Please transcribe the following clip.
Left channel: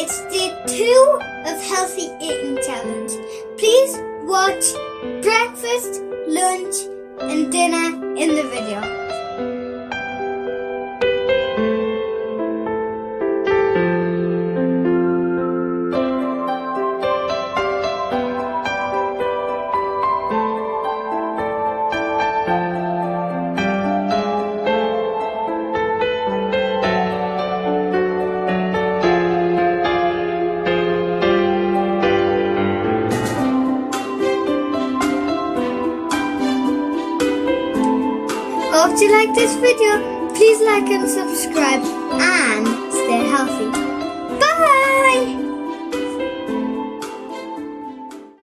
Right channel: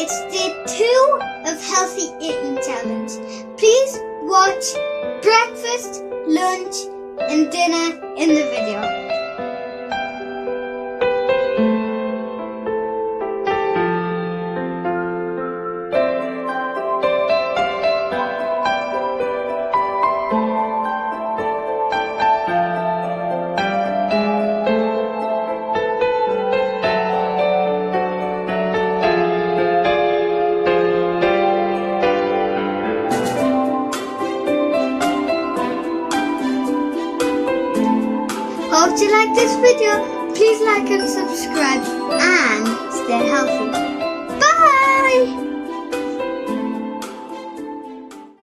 It's day 2 of Healthy Eating Challenge. Please watch breakfast, lunch and dinner in the video. Hope you like this video. Please like and subscribe and stay healthy.